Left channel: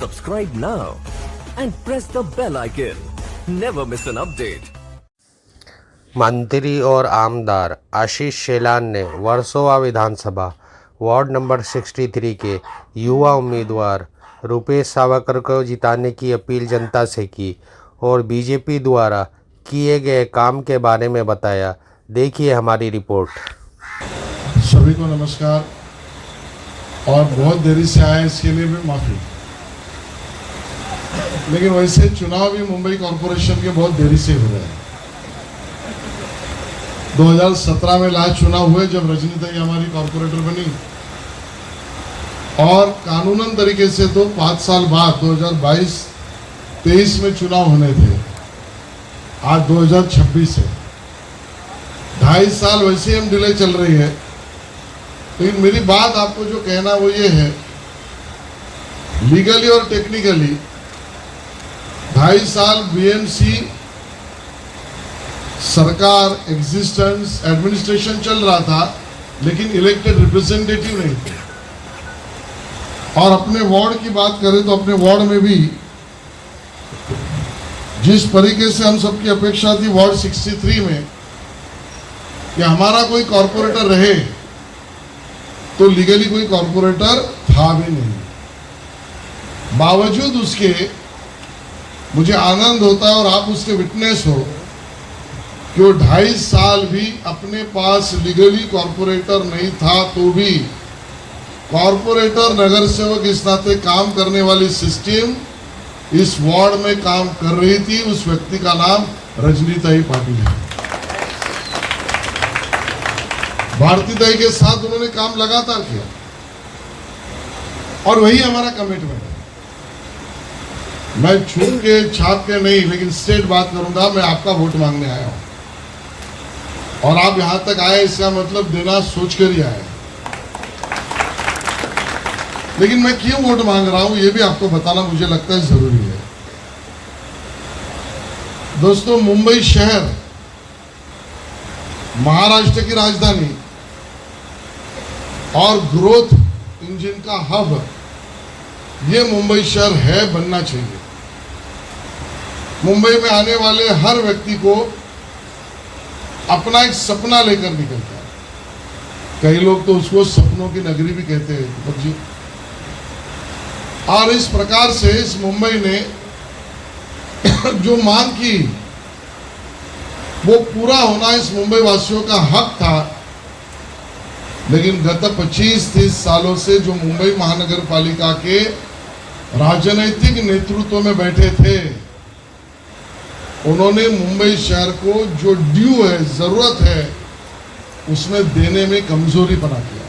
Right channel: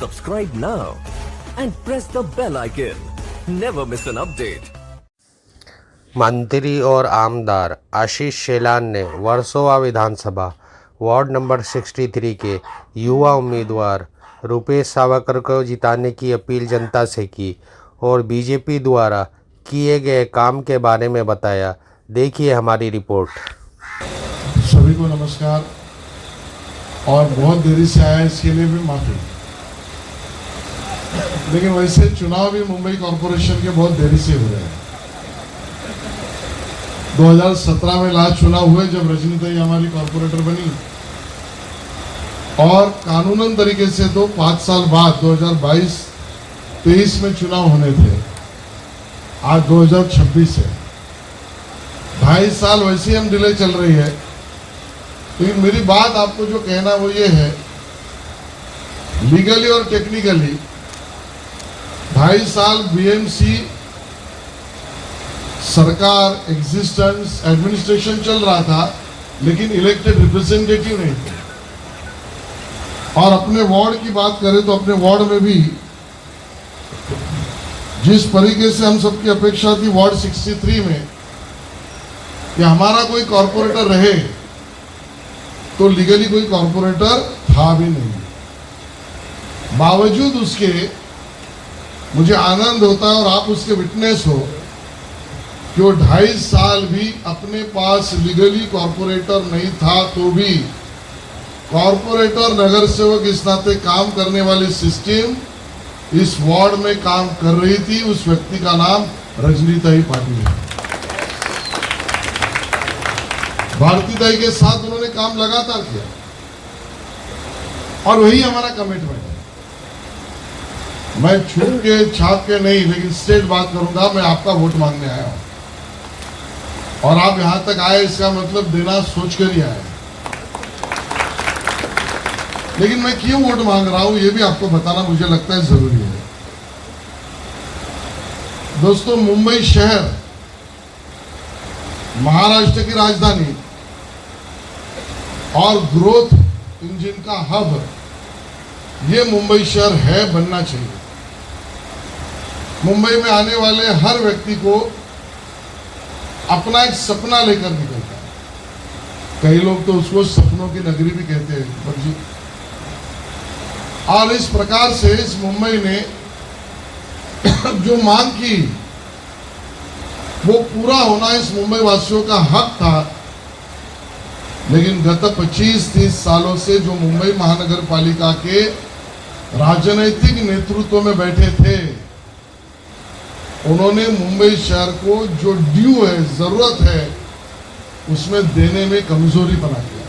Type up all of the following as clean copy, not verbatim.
Subscribe now and press the bell icon. Never miss an update. मंत्री और आमदार आशीष शेलान ने वर्सोवा विधानसभा वार्ड नंबर 63 के युवा उम्मीदवार रुपेश सावरकर को जिताने की अपील जनता से की और बीजेपी द्वारा किए गए काम के बारे में बताया। देखिए हमारी रिपोर्ट। सभी को नमस्कार और बहुत देरी से आया इसके लिए भी माफी। लेकिन वैसे चुनाव भी मुंबई कॉरपोरेशन के बहुत देरी से हुए हैं। 2017 में लास्ट चुनाव हुए जब रजनीताई हमारी कॉरपोरेटर बनी और कानूनन तरीके से तो 5 साल बाद 2022-23 में चुनाव होने थे। आज 2026 है, 2.5 साल वैसे ही हम डिले चल रही है। लेकिन मेरी बात आपको जो कहना वो ये है, लीगली और टेक्निकली 2.5 साल बीएमसी सरकार एग्जिस्टेंस एडमिनिस्ट्रेशन चल रहा था, लेकिन इलेक्टेड रिप्रेजेंटेटिव नहीं थे। और अपने वार्ड की बात करें तो अपने वार्ड में भी जिस तरीके से हम सबकी अपेक्षा थी वार्ड 63 में कि हमारा कोई कॉरपोरेटर रहे, तो लीगली कोई कॉरपोरेटर था भी नहीं। बावजूद उसके मुझे आनंद होता है और आप उसके विटनेस हो कि वो 2.5 साल भी अपने पास लीगली कॉरपोरेटर नहीं था तो भी कॉरपोरेटर नगर सेवक इस नाते काम करने वाली सिस्टम इस वार्ड में काम कर रही थी। उस व्यक्ति का नाम रजनीताई पाटिल है। भारतीताई के साथ उन्होंने काम लगातार किया और वही हमारा कमिटमेंट है। मैं छू के छाप के नहीं, लेकिन स्ट्रेट बात करूंगा। मैं आपका वोट मांगने आया हूं और आप यहां तक आए, इसका मतलब देना सोचकर ही आए। लेकिन मैं क्यों वोट मांग रहा हूं ये भी आपको बताना मुझे लगता है जरूरी है। दोस्तों, मुंबई शहर महाराष्ट्र की राजधानी और ग्रोथ इंजन का हब ये मुंबई शहर है, बनना चाहिए। मुंबई में आने वाले हर व्यक्ति को अपना एक सपना लेकर निकलता है। कई लोग तो उसको सपनों की नगरी भी कहते हैं जी। और इस प्रकार से इस मुंबई ने जो मांग की वो पूरा होना इस मुंबई वासियों का हक था। लेकिन गत 25-30 सालों से जो मुंबई महानगर पालिका के राजनीतिक नेतृत्व में बैठे थे, उन्होंने मुंबई शहर को जो ड्यू है, जरूरत है, उसमें देने में कमजोरी बना दिया।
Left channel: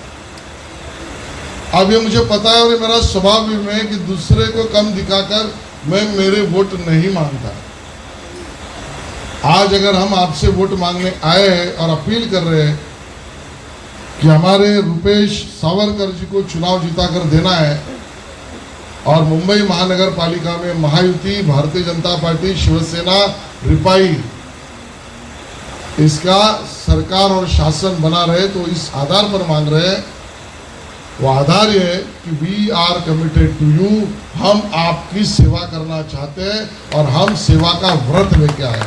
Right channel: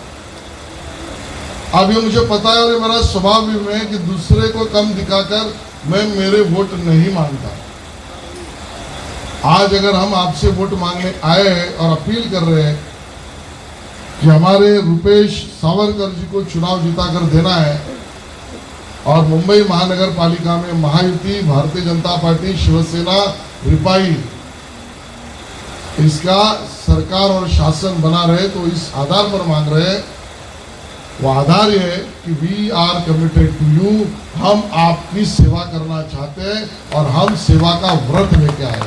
अब ये मुझे पता है और ये मेरा स्वभाव भी है कि दूसरे को कम दिखाकर मैं मेरे वोट नहीं मांगता। आज अगर हम आपसे वोट मांगने आए हैं और अपील कर रहे हैं कि हमारे रुपेश सावरकर जी को चुनाव जिताकर देना है और मुंबई महानगर पालिका में महायुति, भारतीय जनता पार्टी, शिवसेना, रिपाई इसका सरकार और शासन बना रहे, तो इस आधार पर मांग रहे हैं। वो आधार ये है कि we are committed to you, हम आपकी सेवा करना चाहते हैं और हम सेवा का व्रत लेके आए।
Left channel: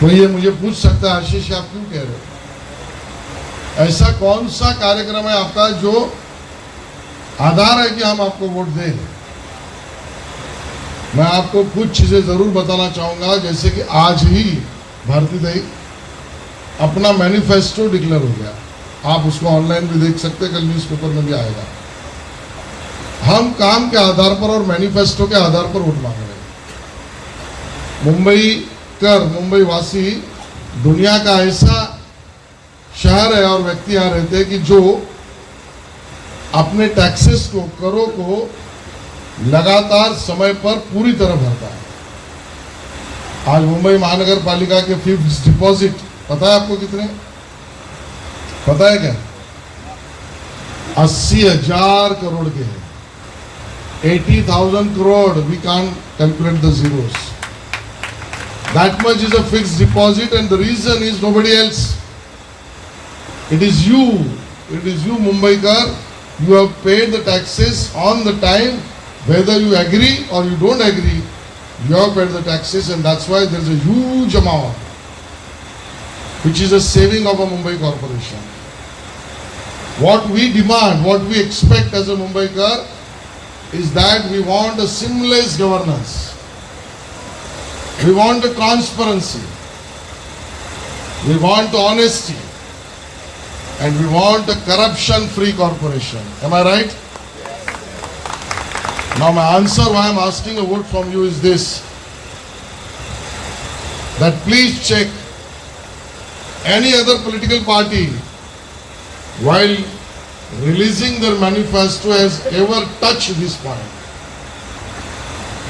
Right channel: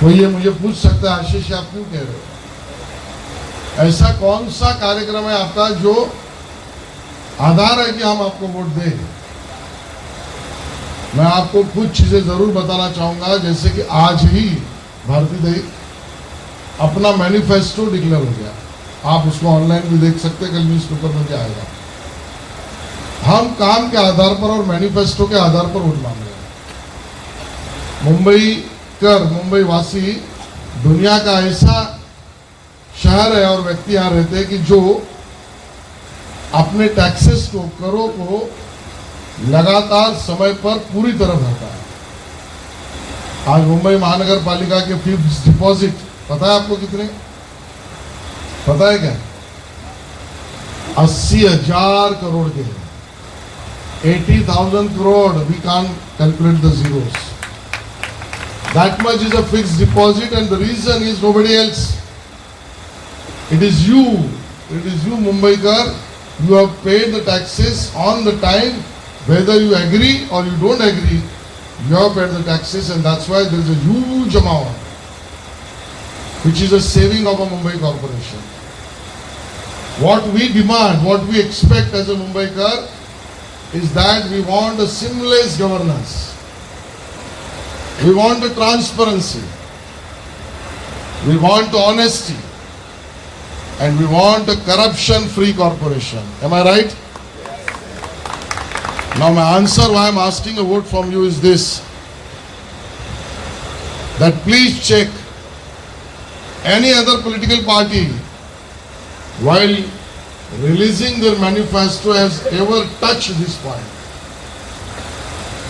तो ये मुझे पूछ सकता है, आशीष आप क्यों कह रहे हो? ऐसा कौन सा कार्यक्रम है आपका जो आधार है कि हम आपको वोट दें? मैं आपको कुछ चीजें जरूर बताना चाहूंगा। जैसे कि आज ही भारतीताई अपना मैनिफेस्टो डिक्लेयर हो गया, आप उसको ऑनलाइन भी देख सकते हैं, कल न्यूज़पेपर में भी आएगा। हम काम के आधार पर और मैनिफेस्टो के आधार पर वोट मांग रहे हैं। मुंबई वासी दुनिया का ऐसा शहर है और व्यक्ति यहां रहते हैं कि जो अपने टैक्सेस को, करों को लगातार समय पर पूरी तरह भरता है। आज मुंबई महानगर पालिका के फिक्स्ड डिपॉजिट पता है आपको कितने? पता है क्या? 80,000 करोड़ के हैं। 80,000 crore, we can't calculate the zeros. That much is a fixed deposit, and the reason is nobody else. It is you Mumbaikar, You have paid the taxes on the time, whether you agree or you don't agree. You have paid the taxes, and that's why there is a huge amount, which is a saving of a Mumbai corporation. What we demand, what we expect as a Mumbaikar is that we want a seamless governance. We want a transparency. We want honesty. And we want a corruption-free corporation. Am I right? Now my answer why I'm asking a vote from you is this. That please check any other political party while releasing their manifesto has ever touched this point.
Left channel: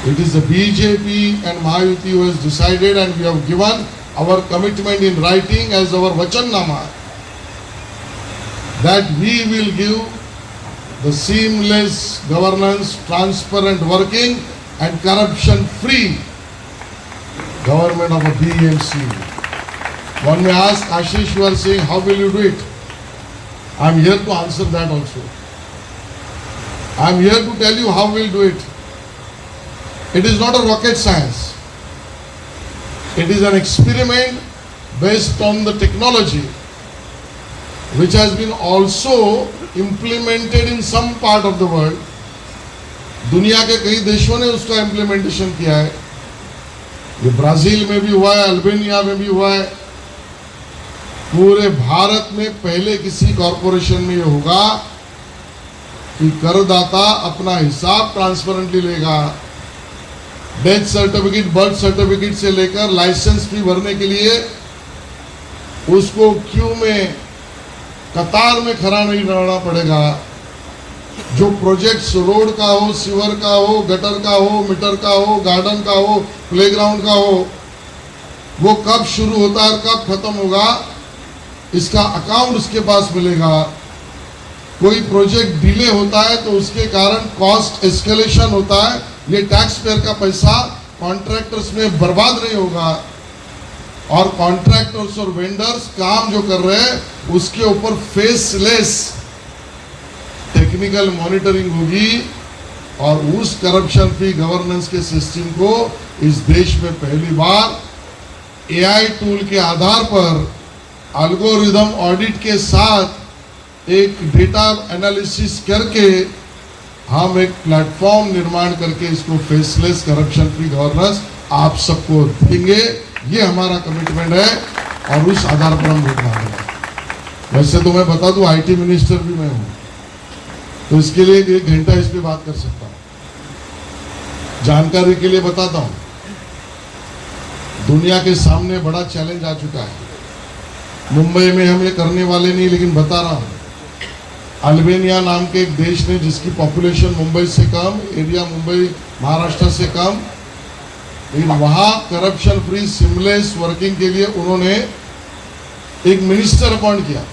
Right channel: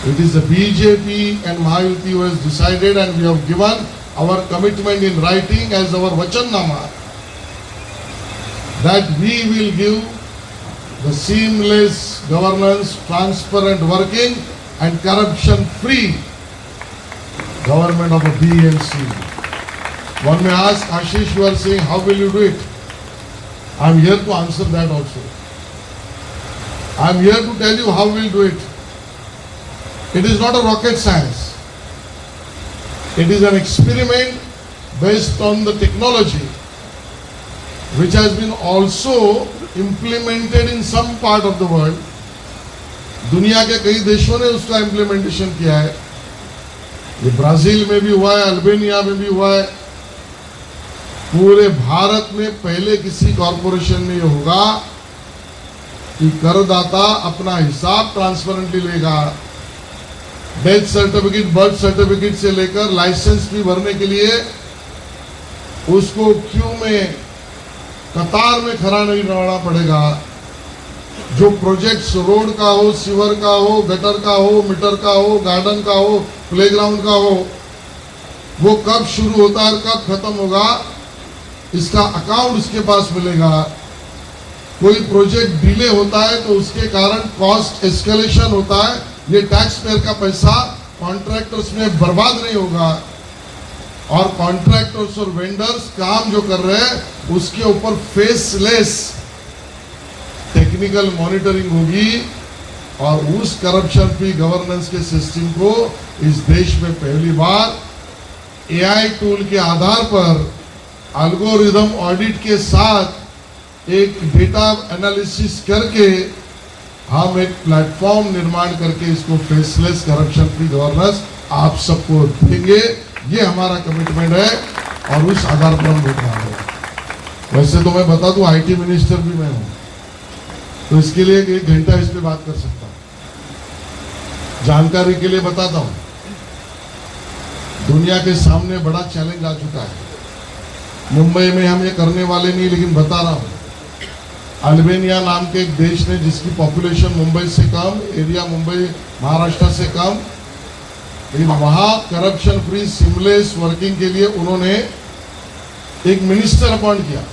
It is the BJP and Mahayuti who has decided, and we have given our commitment in writing as our Vachannama that we will give the seamless governance, transparent working and corruption-free government of a BMC. One may ask, Ashish, you are saying, how will you do it? I am here to answer that also. I am here to tell you how we will do it. It is not a rocket science. It is an experiment based on the technology which has been also implemented in some part of the world. दुनिया के कई देशों ने उसका implementation किया है. ये Brazil में भी हुआ है, अल्बेनिया में भी हुआ है. पूरे भारत में पहले किसी कॉरपोरेशन में ये होगा कि करदाता अपना हिसाब ट्रांसपेरेंटली लेगा. डेथ सर्टिफिकेट, बर्थ सर्टिफिकेट से लेकर लाइसेंस फी भरने के लिए उसको क्यू में, कतार में खड़ा नहीं रहना पड़ेगा. जो प्रोजेक्ट्स रोड का हो, सीवर का हो, गटर का हो, मीटर का हो, गार्डन का हो, प्लेग्राउंड का हो, वो कब शुरू होता है और कब खत्म होगा, इसका अकाउंट उसके पास मिलेगा. कोई प्रोजेक्ट डिले होता है तो उसके कारण कॉस्ट एस्केलेशन होता है. ये टैक्स पेयर का पैसा कॉन्ट्रैक्टर्स में बर्बाद नहीं होगा. और कॉन्ट्रैक्टर्स और वेंडर्स काम जो कर रहे हैं उसके ऊपर फेसलेस टेक्निकल मॉनिटरिंग होगी. और उस करप्शन फ्री गवर्नेंस के सिस्टम को इस देश में पहली बार एआई टूल के आधार पर एल्गोरिदम ऑडिट के साथ एक डेटा एनालिसिस करके हम एक प्लेटफॉर्म निर्माण करके इसको फेसलेस करप्शन फ्री गवर्नेंस आप सबको देंगे. ये हमारा कमिटमेंट है और उस आधार पर हम वोट मांगेंगे. वैसे तो मैं बता दूं आईटी मिनिस्टर भी मैं हूं, तो इसके लिए 1 घंटा इस पे बात कर सकता हूं. जानकारी के लिए बताता हूं, दुनिया के सामने बड़ा चैलेंज आ चुका है. मुंबई में हम ये करने वाले नहीं, लेकिन बता रहा हूं. अल्बेनिया नाम के एक देश ने, जिसकी पॉपुलेशन मुंबई से कम, एरिया मुंबई महाराष्ट्र से कम, लेकिन वहां करप्शन फ्री सीमलेस वर्किंग के लिए उन्होंने एक मिनिस्टर अपॉइंट किया.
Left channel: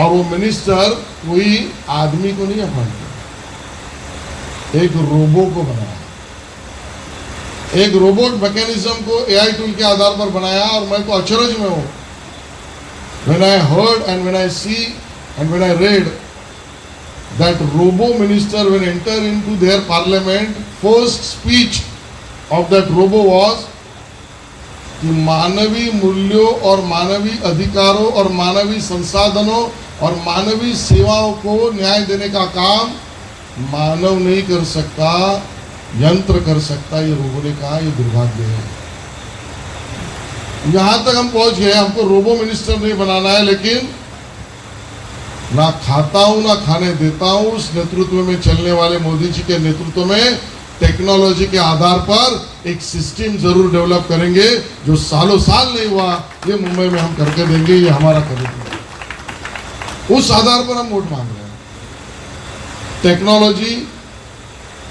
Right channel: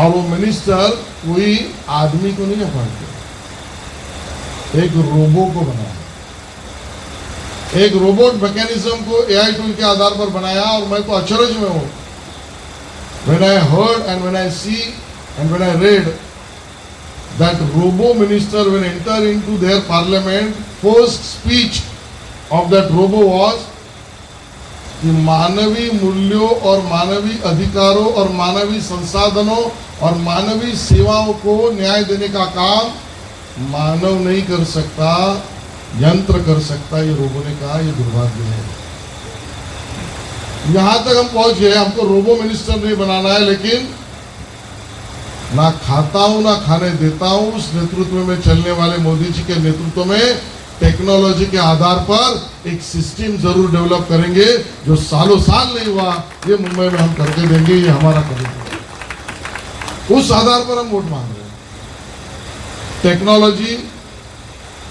और वो मिनिस्टर कोई आदमी को नहीं अपॉइंट किया, एक रोबो को बनाया. एक रोबोट मैकेनिज्म को एआई टूल के आधार पर बनाया. और मैं तो अचरज में हूं. When I heard and when I see and when I read that robo minister will enter into their parliament, first speech of that robo was कि मानवीय मूल्यों और मानवीय अधिकारों और मानवीय संसाधनों और मानवीय सेवाओं को न्याय देने का काम मानव नहीं कर सकता, यंत्र कर सकता. ये रोबो ने कहा. ये दुर्भाग्य है. यहां तक हम पहुंच गए. हमको रोबो मिनिस्टर नहीं बनाना है, लेकिन ना खाता हूं ना खाने देता हूं. उस नेतृत्व में चलने वाले मोदी जी के नेतृत्व में टेक्नोलॉजी के आधार पर एक सिस्टम जरूर डेवलप करेंगे जो सालों साल नहीं हुआ. ये मुंबई में हम करके देंगे. ये हमारा कमिटमेंट है. उस आधार पर हम वोट मांग रहे हैं. Technology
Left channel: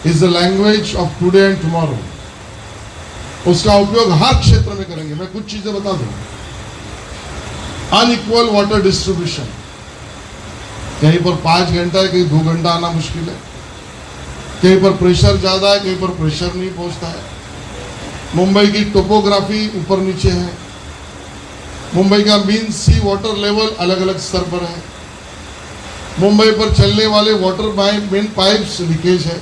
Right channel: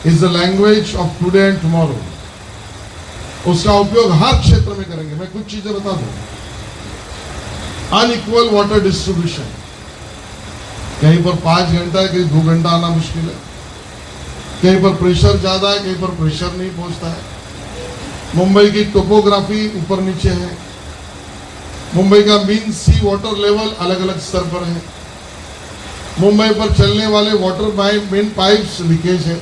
is the language of today and tomorrow. उसका उपयोग हर क्षेत्र में करेंगे. मैं कुछ चीजें बता दूं. अनइक्वल वाटर डिस्ट्रीब्यूशन, कहीं पर 5 घंटा है, कहीं 2 घंटा आना मुश्किल है. कहीं पर प्रेशर ज्यादा है, कहीं पर प्रेशर नहीं पहुंचता है. मुंबई की टोपोग्राफी ऊपर नीचे है. मुंबई का मीन सी वाटर लेवल अलग अलग स्तर पर है. मुंबई पर चलने वाले वाटर मेन पाइप्स लीकेज है,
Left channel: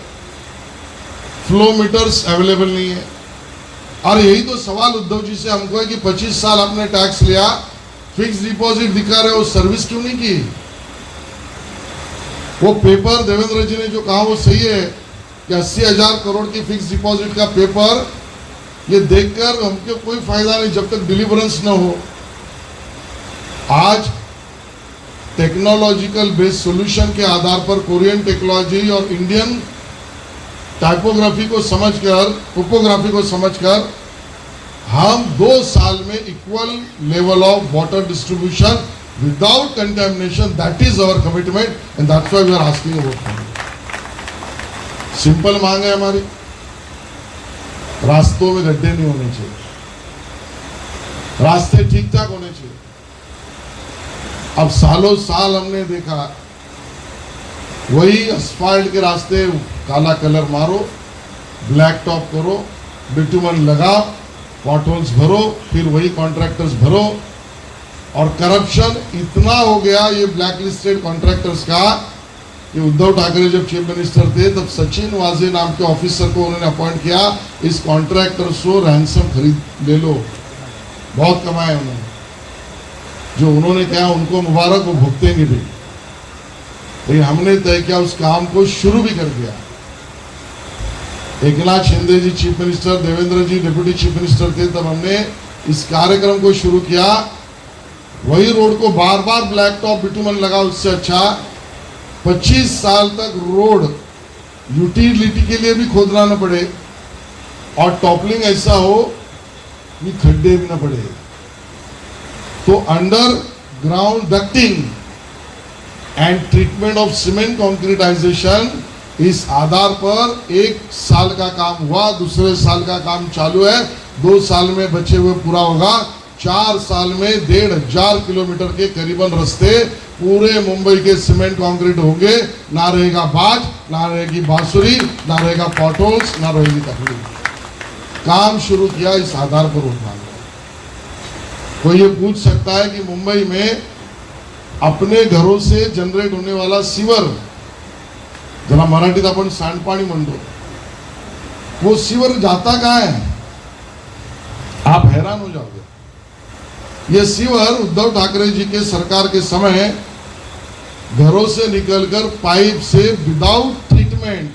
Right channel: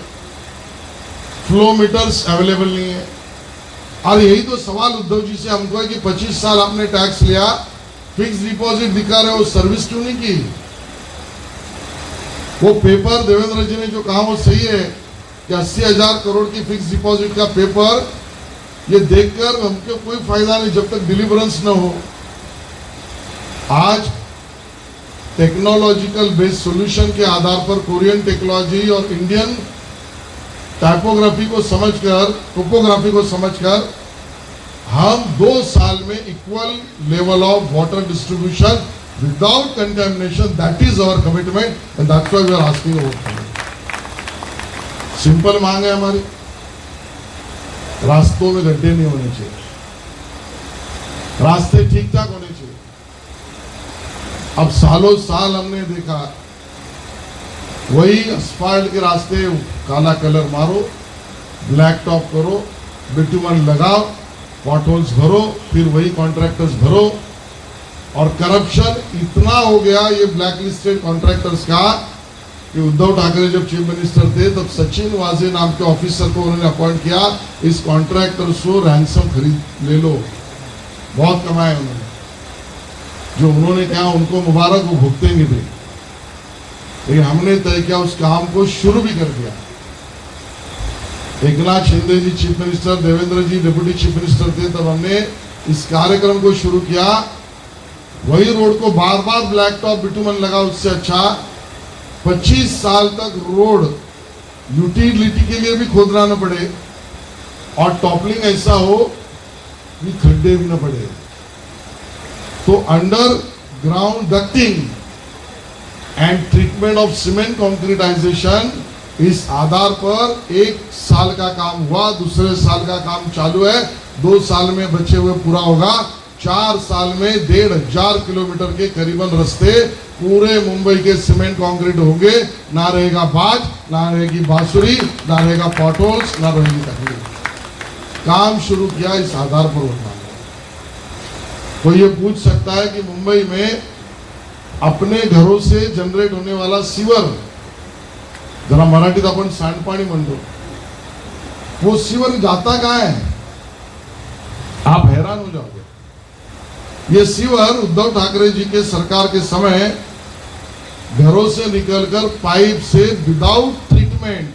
फ्लो मीटर्स अवेलेबल नहीं है। और यही तो सवाल उद्धव जी से हमको है कि 25 साल आपने टैक्स लिया, फिक्स डिपॉजिट दिखा रहे हो, सर्विस क्यों नहीं की? वो पेपर देवेंद्र जी ने जो कहा वो सही है कि 80,000 करोड़ की फिक्स डिपॉजिट का पेपर, ये देखकर हमको कोई फायदा नहीं जब तक डिलीवरेंस ना हो। आज टेक्नोलॉजिकल बेस्ड सॉल्यूशन के आधार पर कोरियन टेक्नोलॉजी और इंडियन टाइपोग्राफी को समझकर, टोपोग्राफी को समझकर हम 2 साल में equal level of water distribution without contamination, that is our commitment and that's why we are asking vote. Simple मांग है हमारी, रास्तों में गड्ढे नहीं होने चाहिए, रास्ते ठीक ठाक होने चाहिए। अब सालों साल हमने देखा वही असफाल्ट के रास्ते, काला कलर मारो, ब्लैक टॉप करो, बिटुमन लगाओ, पॉटहोल्स भरो, फिर वही कॉन्ट्रैक्टर्स भरो। और करप्शन इतना हो गया ये ब्लैक लिस्टेड कॉन्ट्रैक्टर्स का कि उद्धव ठाकरे जब चीफ मिनिस्टर थे तब सचिन वाजे नाम के ऑफिसर को उन्होंने अपॉइंट किया, इस कॉन्ट्रैक्टर्स को रैंसम खरीद ले लो, बहुत कमाए उन्होंने। जो उन्होंने कहा उनको मुबारक, वो भुगतेंगे भी। लेकिन हमने तय किया, उस काम को शुरू भी कर दिया। एकनाथ शिंदे जी चीफ मिनिस्टर, देवेंद्र जी डिप्यूटी चीफ मिनिस्टर थे, तब हमने इस कार्यक्रम को शुरू किया। वही रोड को बार बार ब्लैक टॉप बिटुमन लगा, उससे अच्छा 25 साल तक रोड यूटिलिटी के लिए भी खोदना न पड़े और टॉपलिंग ऐसा हो कि खड्डे भी न पड़े। तो under ground ducting and treatment of cement concretization, इस आधार पर 1 साल का काम हुआ, दूसरे साल का काम चालू है, 2 साल में बचे हुए पूरा होगा। 4 साल में 1,500 किलोमीटर के करीबन रास्ते पूरे मुंबई के सीमेंट कंक्रीट होंगे। ना रहेगा बाज, ना रहेगी बांसुरी, ना रहेगा पॉटहोल्स, ना रहेगी तकलीफ। काम शुरू किया इस आधार पर होना। तो ये पूछ सकता है कि मुंबई में अपने घरों से जनरेट होने वाला सीवर, जरा मराठीत आपण सांडपाणी म्हणतो, वो सीवर जाता कहाँ है? आप हैरान हो जाओगे। ये सीवर उद्धव ठाकरे जी के सरकार के समय घरों से निकलकर पाइप से विदाउट ट्रीटमेंट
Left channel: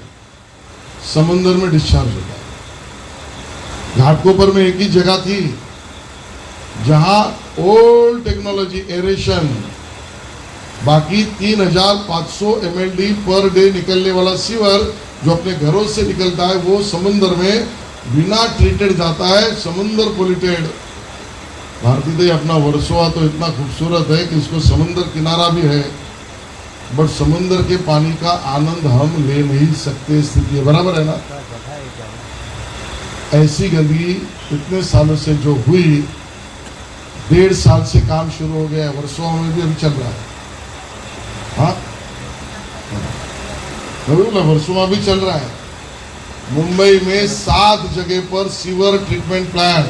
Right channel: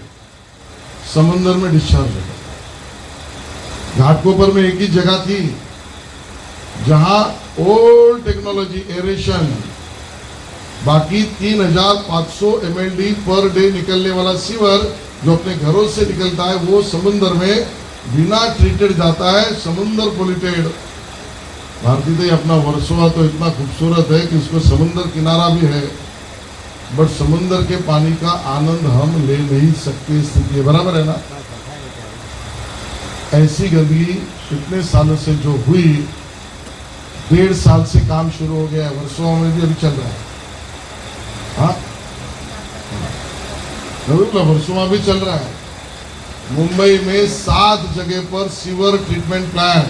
समुद्र में डिस्चार्ज होता है। घाटकोपर में एक ही जगह थी जहां ओल्ड टेक्नोलॉजी एरेशन, बाकी 3,500 MLD पर डे निकलने वाला सीवर जो अपने घरों से निकलता है, वो समुद्र में बिना ट्रीटेड जाता है, समुद्र पोल्यूटेड। भारतीय तो अपना वर्सोवा तो इतना खूबसूरत है कि इसको समुद्र किनारा भी है, बट समुद्र के पानी का आनंद हम ले नहीं सकते, स्थिति बराबर है ना। ऐसी गंदगी इतने सालों से जो हुई, 1.5 साल से काम शुरू हो गया, वर्सोवा में भी अभी चल रहा है। हाँ, वर्सोवा भी चल रहा है। मुंबई में 7 जगह पर sewer treatment plant,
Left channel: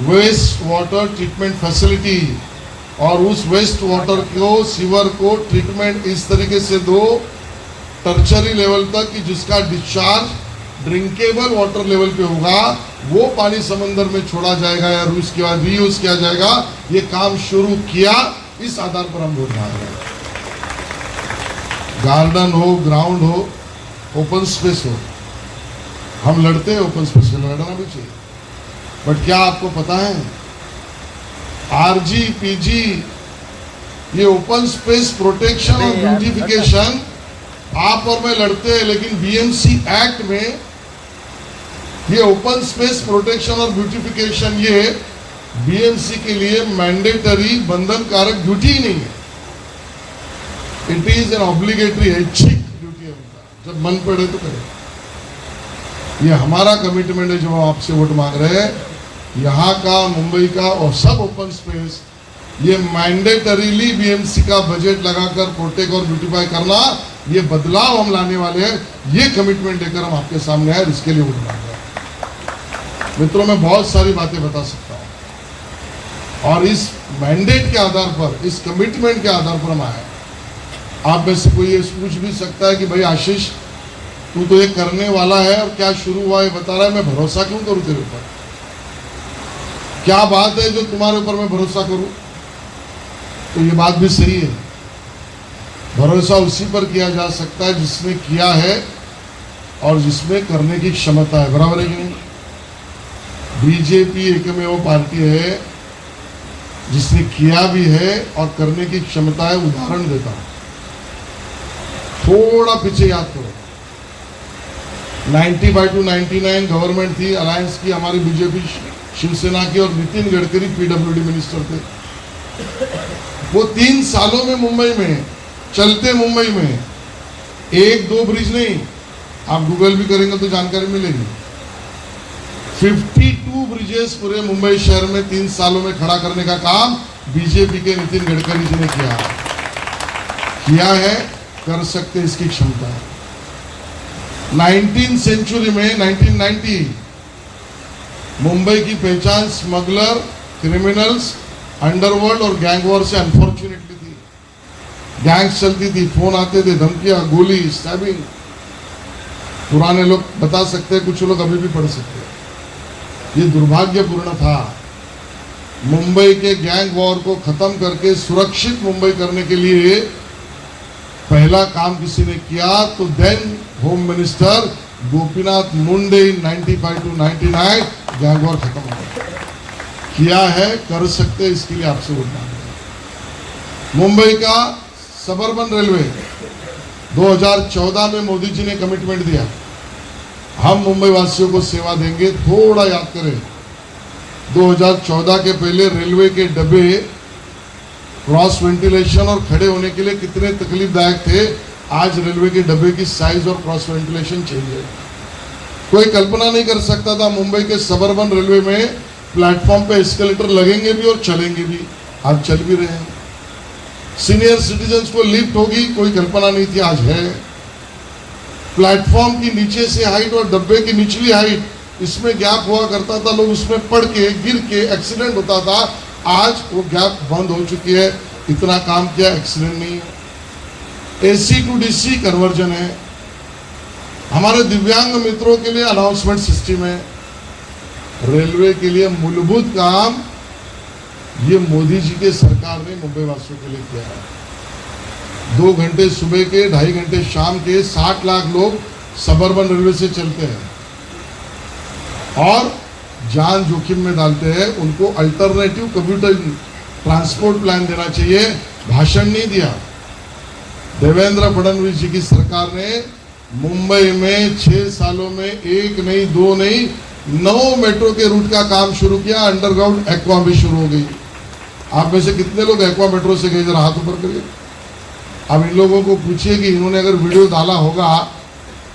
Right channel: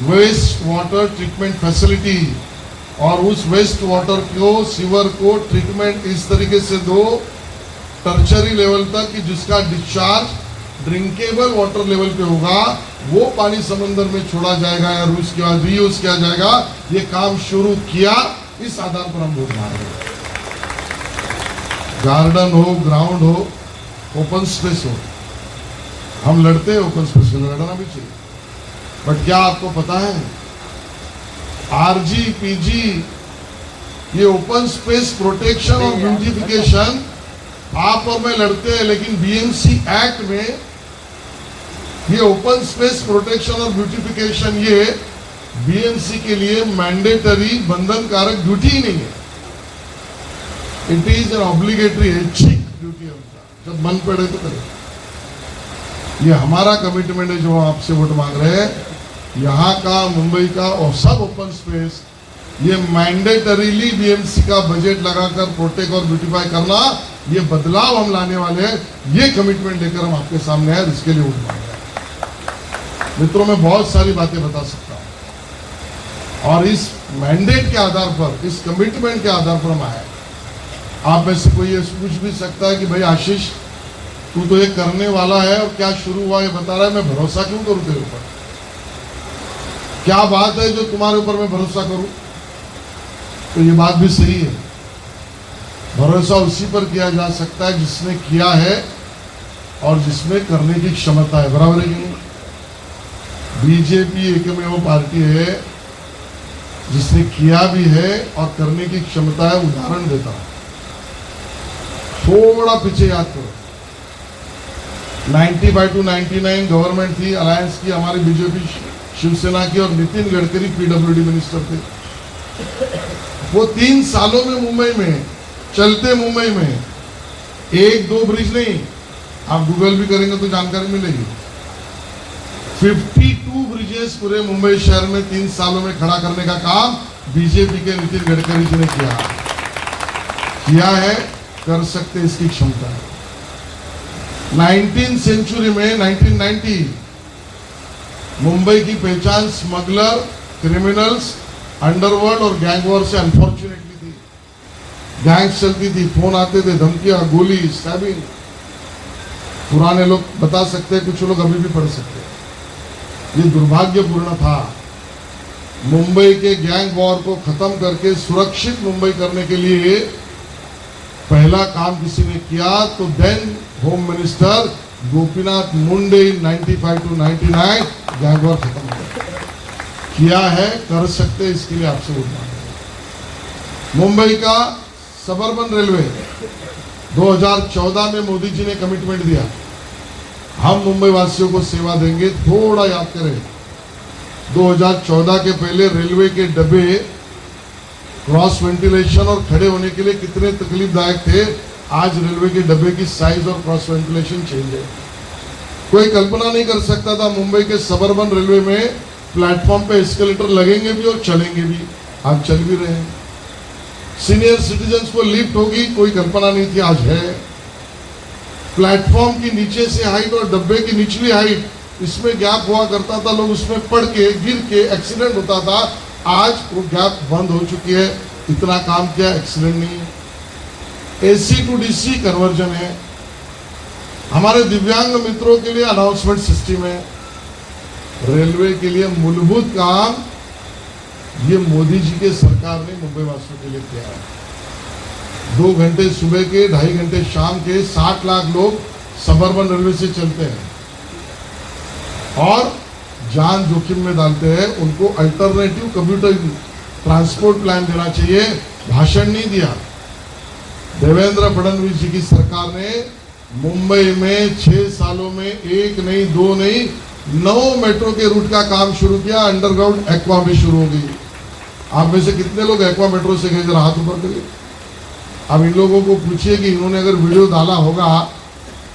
waste water treatment facility, और उस वेस्ट वाटर को, सीवर को ट्रीटमेंट इस तरीके से दो टर्चरी लेवल तक कि जिसका डिस्चार्ज ड्रिंकेबल वाटर लेवल पे होगा, वो पानी समुद्र में छोड़ा जाएगा या उसके बाद रीयूज किया जाएगा। ये काम शुरू किया, इस आधार पर हम वोट मांग रहे हैं। गार्डन हो, ग्राउंड हो, ओपन स्पेस हो, हम लड़ते हैं ओपन स्पेस में, लड़ना भी चाहिए। बट क्या आपको पता है आरजी पीजी ये ओपन स्पेस प्रोटेक्शन और ब्यूटिफिकेशन आप और मैं लड़ते हैं, लेकिन बीएमसी एक्ट में ये ओपन स्पेस प्रोटेक्शन और ब्यूटिफिकेशन ये बीएमसी के लिए मैंडेटरी बंधनकारक ड्यूटी ही नहीं है। इट इज एन ऑब्लिगेटरी ऐच्छिक ड्यूटी है उनका, जब मन पड़े तो करे। ये हमारा कमिटमेंट है जो आपसे वोट मांग रहे हैं। यहाँ का, मुंबई का और सब ओपन स्पेस ये मैंडेटरीली बीएमसी का बजट लगाकर प्रोटेक्ट और ब्यूटिफाई करना, ये बदलाव हम लाने वाले हैं। ये कमिटमेंट लेकर हम आपके सामने आए, इसके लिए वोट मांग रहे हैं। मित्रों, मैं बहुत सारी बातें बता सकता हूँ और इस मैंडेट के आधार पर, इस कमिटमेंट के आधार पर हम आए। आप में से कोई ये पूछ भी सकता है कि भाई आशीष, तू तो ये करने वाला है और क्या शुरू हुआ है बता रहा है, मैं भरोसा क्यों करूं तेरे ऊपर? क्या बात है जो तुम्हारे ऊपर मैं भरोसा करूं? तो ये बात भी सही है, भरोसा उसी पर किया जा सकता है जिसने किया है और जिसमें करने की क्षमता है। बराबर है नहीं? बीजेपी एकमेव पार्टी है जिसने किया भी है और करने की क्षमता है। उदाहरण देता हूं, थोड़ा पीछे याद करो, 95 to 99 गवर्नमेंट थी, अलायंस की, हमारी बीजेपी शिवसेना की, और नितिन गडकरी पीडब्ल्यूडी मिनिस्टर थे। वो 3 सालों में मुंबई में, चलते मुंबई में 1-2 ब्रिज नहीं, आप गूगल भी करेंगे तो जानकारी मिलेगी, 52 ब्रिजेस पूरे मुंबई शहर में 3 सालों में खड़ा करने का काम बीजेपी के नितिन गडकरी जी ने किया है। कर सकते इसकी क्षमता है। 19th सेंचुरी में 1990 मुंबई की पहचान स्मगलर, क्रिमिनल्स, अंडरवर्ल्ड और गैंग वॉर से अनफॉर्चुनेटली थी। गैंग्स चलती थी, फोन आते थे, धमकियां, गोली, स्टैबिंग। पुराने लोग बता सकते हैं, कुछ लोग अभी भी पढ़ सकते हैं। ये दुर्भाग्यपूर्ण था। मुंबई के गैंग वॉर को खत्म करके सुरक्षित मुंबई करने के लिए पहला काम किसी ने किया तो then home minister Gopinath Munde 95 to 99 gang war खत्म किया है। कर सकते इसके लिए आपसे मुंबई का सबर्बन रेलवे 2014 में मोदी जी ने कमिटमेंट दिया, हम मुंबई वासियों को सेवा देंगे। थोड़ा याद करें, 2014 के पहले रेलवे के डब्बे क्रॉस वेंटिलेशन और खड़े होने के लिए कितने तकलीफदायक थे। आज रेलवे के डब्बे की साइज और क्रॉस वेंटिलेशन चेंज है। कोई कल्पना नहीं कर सकता था मुंबई के सबर्बन रेलवे में प्लेटफॉर्म पे एस्केलेटर लगेंगे भी और चलेंगे भी। आज चल भी रहे हैं। सीनियर सिटीजन्स को लिफ्ट होगी, कोई कल्पना नहीं थी, आज है। प्लेटफॉर्म की नीचे से हाइट और डब्बे की निचली हाइट, इसमें गैप हुआ करता था, लोग उसमें पड़ के गिर के एक्सीडेंट होता था। आज वो गैप बंद हो चुकी है। इतना काम किया, एक्सीडेंट नहीं। AC to DC कन्वर्जन है। हमारे दिव्यांग मित्रों के लिए अनाउंसमेंट सिस्टम है। रेलवे के लिए मूलभूत काम ये मोदी जी के सरकार ने मुंबई वासियों के लिए किया है। 2 घंटे सुबह के, 2.5 घंटे शाम के 60 लाख लोग सबर्बन रेलवे से चलते हैं और जान जोखिम में डालते हैं। उनको अल्टरनेटिव कम्यूटर ट्रांसपोर्ट प्लान देना चाहिए। भाषण नहीं दिया। देवेंद्र फडणवीस जी की सरकार ने मुंबई में 6 सालों में 1 नहीं 2 नहीं 9 मेट्रो के रूट का काम शुरू किया। अंडरग्राउंड एक्वा भी शुरू हो गई। आप में से कितने लोग एक्वा मेट्रो से गए, जरा हाथ ऊपर करिए। अब इन लोगों को पूछिए कि इन्होंने अगर वीडियो डाला होगा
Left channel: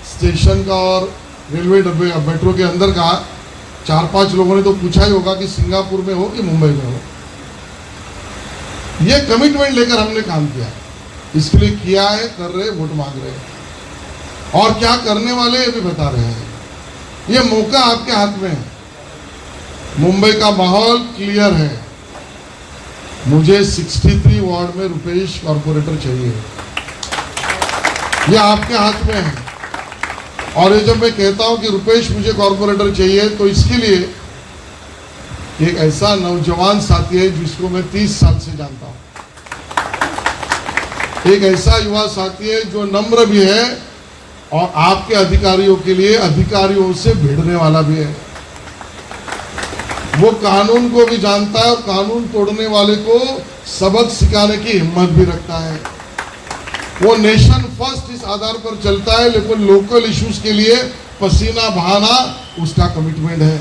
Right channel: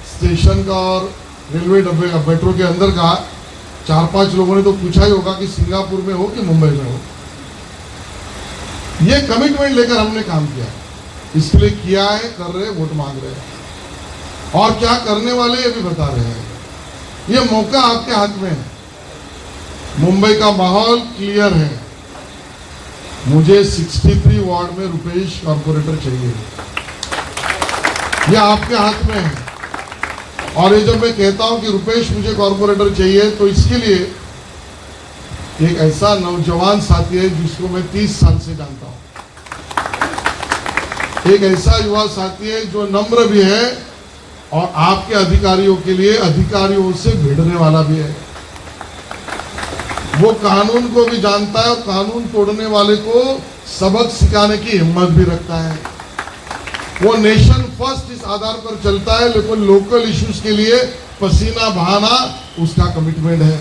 स्टेशन का और रेलवे डब्बे मेट्रो के अंदर का, 4-5 लोगों ने तो पूछा ही होगा कि सिंगापुर में हो कि मुंबई में हो। ये कमिटमेंट लेकर हमने काम किया, इसके लिए किया है, कर रहे, वोट मांग रहे हैं और क्या करने वाले ये भी बता रहे हैं। ये मौका आपके हाथ में है। मुंबई का माहौल क्लियर है। मुझे 63 वार्ड में रुपेश कॉर्पोरेटर चाहिए, ये आपके हाथ में है। और ये जब मैं कहता हूं कि रुपेश मुझे कॉर्पोरेटर चाहिए, तो इसके लिए एक ऐसा नौजवान साथी है जिसको मैं 30 साल से जानता हूं। एक ऐसा युवा साथी है जो नम्र भी है और आपके अधिकारियों के लिए अधिकारियों से भिड़ने वाला भी है। वो कानून को भी जानता है और कानून तोड़ने वाले को सबक सिखाने की हिम्मत भी रखता है। वो नेशन फर्स्ट इस आधार पर चलता है, लेकिन लोकल इश्यूज के लिए पसीना बहाना उसका कमिटमेंट है।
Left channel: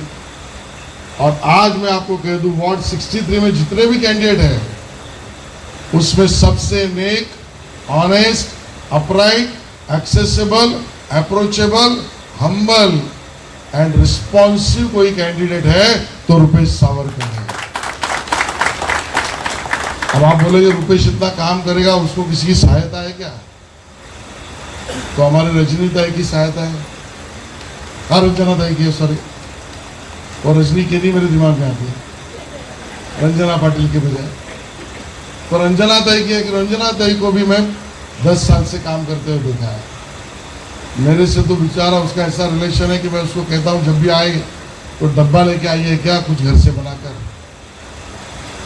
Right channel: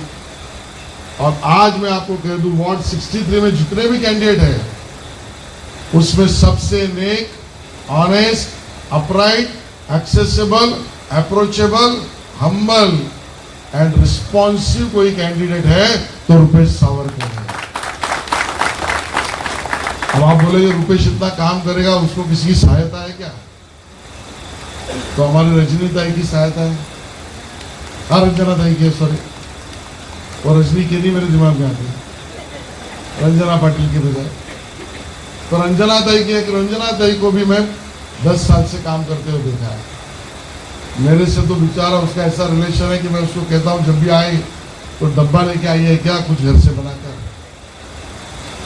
और आज मैं आपको कह दूं, वार्ड 63 में जितने भी कैंडिडेट हैं उसमें सबसे नेक, honest, upright, accessible, approachable, humble and responsive कोई कैंडिडेट है तो रुपेश सावरकर है। अब आप बोलोगे रुपेश इतना काम करेगा, उसको किसी की सहायता है क्या? तो हमारी रजनी ताई की सहायता है। रंजना ताई की है, सॉरी, और रजनी के नहीं मेरे दिमाग में आती है, रंजना पाटिल के बजाय। तो रंजना ताई की है कि रंजना ताई को भी मैं 10 साल से काम करते हुए देखा है। मेरे से तो बेचारा उसका ऐसा रिलेशन है कि मैं उसको कहता हूँ जब भी आए तो डब्बा लेके आइए क्या, कुछ घर से बनाकर।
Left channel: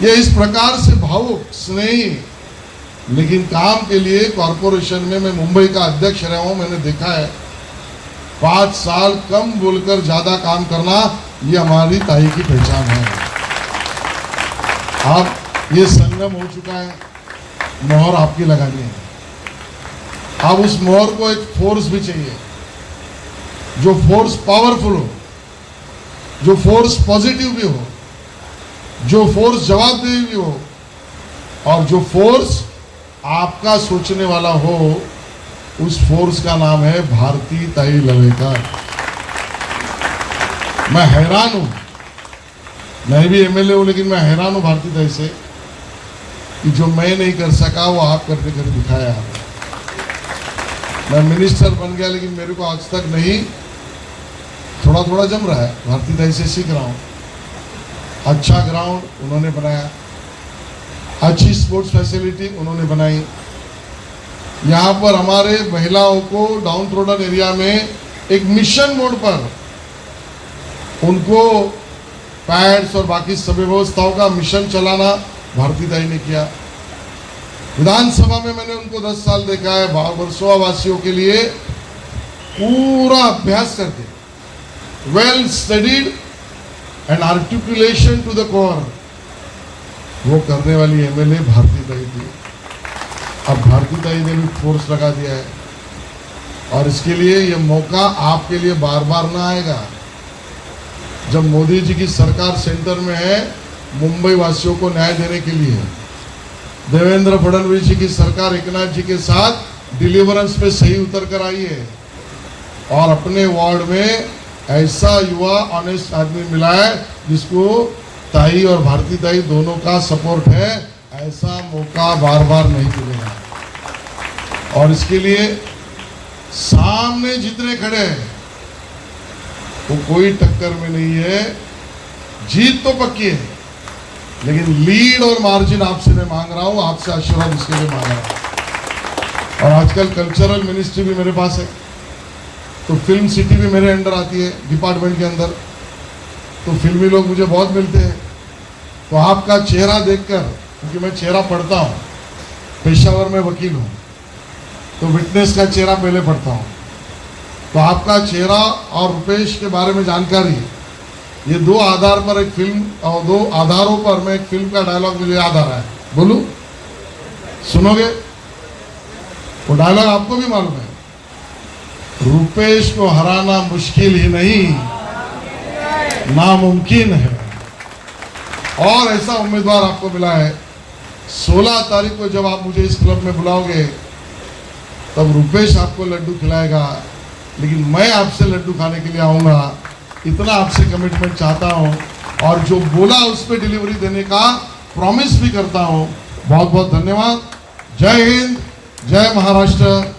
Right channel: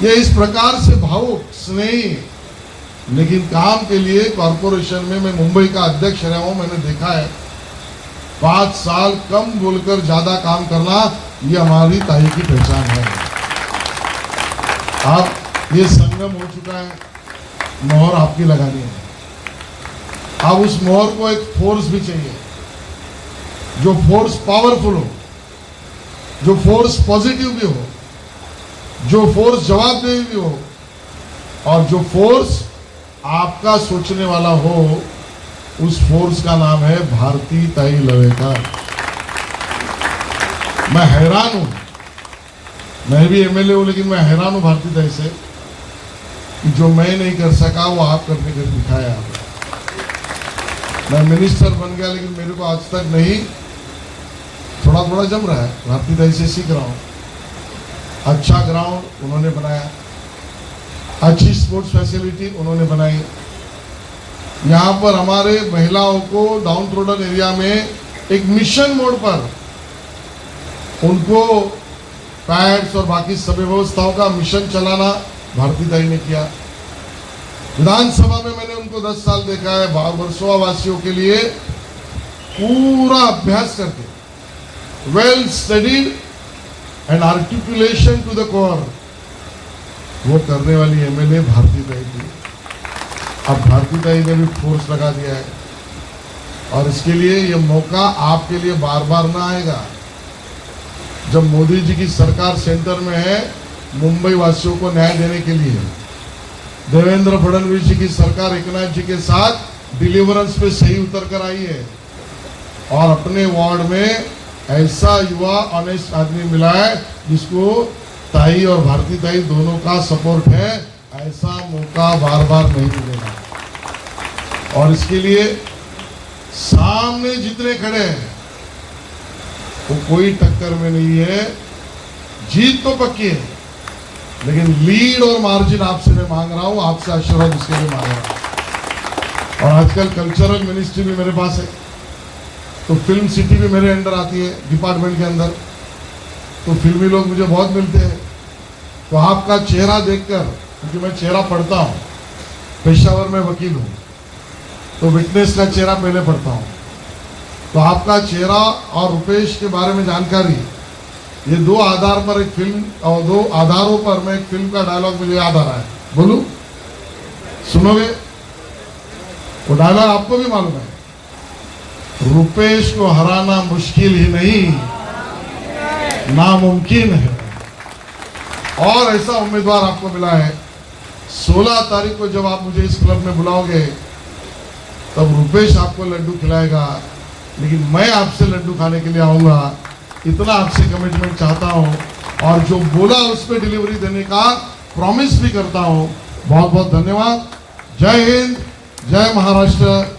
ये इस प्रकार से भावुक स्नेही लेकिन काम के लिए कॉरपोरेशन में मैं मुंबई का अध्यक्ष रहा हूं, मैंने देखा है 5 साल कम बोलकर ज्यादा काम करना ये हमारी ताई की पहचान है। अब ये संगम हो चुका है, मोहर आपकी लगानी है। अब उस मोहर को एक फोर्स भी चाहिए, जो फोर्स पावरफुल हो, जो फोर्स पॉजिटिव भी हो, जो फोर्स जवाबदेही भी हो और जो फोर्स आपका सोचने वाला हो। उस फोर्स का नाम है भारती ताई लवेकर। मैं हैरान हूं, मैं भी एमएलए हूं, लेकिन मैं हैरान हूं भारती ताई से कि जो मैं नहीं कर सका वो आप करके कर दिखाया। मैं मिनिस्टर बन गया लेकिन मेरे को आज तक नहीं, थोड़ा थोड़ा जम रहा है, भारती ताई से सीख रहा हूं। अच्छा ग्राउंड उन्होंने बनाया, अच्छी स्पोर्ट्स फैसिलिटी उन्होंने बनाई। यहाँ पर हमारे महिलाओं को डाउन ट्रोडन एरिया में एक मिशन मोड पर उनको पैड्स और बाकी सभी व्यवस्थाओं का मिशन चलाना भारती ताई ने किया। विधानसभा में मैंने उनको 10 साल देखा है, वर्सोवा वासियों के लिए पूरा अभ्यास करके well studied and articulation to the core वो करने वाली एमएलए भारती ताई थी। अब भारती ताई ने भी फोर्स लगा दिया है और इसके लिए ये मौका आपके लिए बार बार ना आएगा। जब मोदी जी की सरकार सेंटर में है मुंबई वासियों को न्याय देने के लिए, देवेंद्र फडणवीस जी की सरकार एकनाथ जी के साथ डिलीवरेंस पे सही उतर कर आई है और अपने वार्ड में ऐसा युवा ऑनेस्ट आदमी मिला है जिसको ताई और भारती ताई दोनों का सपोर्ट है। ऐसा मौका बार बार नहीं मिलेगा और इसके लिए सामने जितने खड़े हैं वो कोई टक्कर में नहीं है। जीत तो पक्की है लेकिन लीड और मार्जिन आपसे मैं मांग रहा हूं, आपसे आशीर्वाद इसके लिए मांग रहा हूं। और आजकल कल्चरल मिनिस्ट्री भी मेरे पास है, तो फिल्म सिटी भी मेरे अंडर आती है डिपार्टमेंट के अंदर, तो फिल्मी लोग मुझे बहुत मिलते हैं। तो आपका चेहरा देखकर, क्योंकि मैं चेहरा पढ़ता हूँ, पेशावर में वकील हूँ, तो विटनेस का चेहरा पहले पढ़ता हूँ, तो आपका चेहरा और रुपेश के बारे में जानकारी, ये 2 आधार पर एक फिल्म और 2 आधारों पर मैं एक फिल्म का डायलॉग मुझे याद आ रहा है, बोलूं? सुनोगे? वो डायलॉग आपको भी मालूम है, रुपेश को हराना मुश्किल ही नहीं नामुमकिन है। और ऐसा उम्मीदवार आपको मिला है। 16 तारीख को जब आप मुझे इस क्लब में बुलाओगे तब रुपेश आपको लड्डू खिलाएगा, लेकिन मैं आपसे लड्डू खाने के लिए आऊंगा। इतना आपसे कमिटमेंट चाहता हूं और जो बोला उस पर डिलीवरी देने का प्रॉमिस भी करता हूं। बहुत बहुत धन्यवाद। जय हिंद, जय महाराष्ट्र।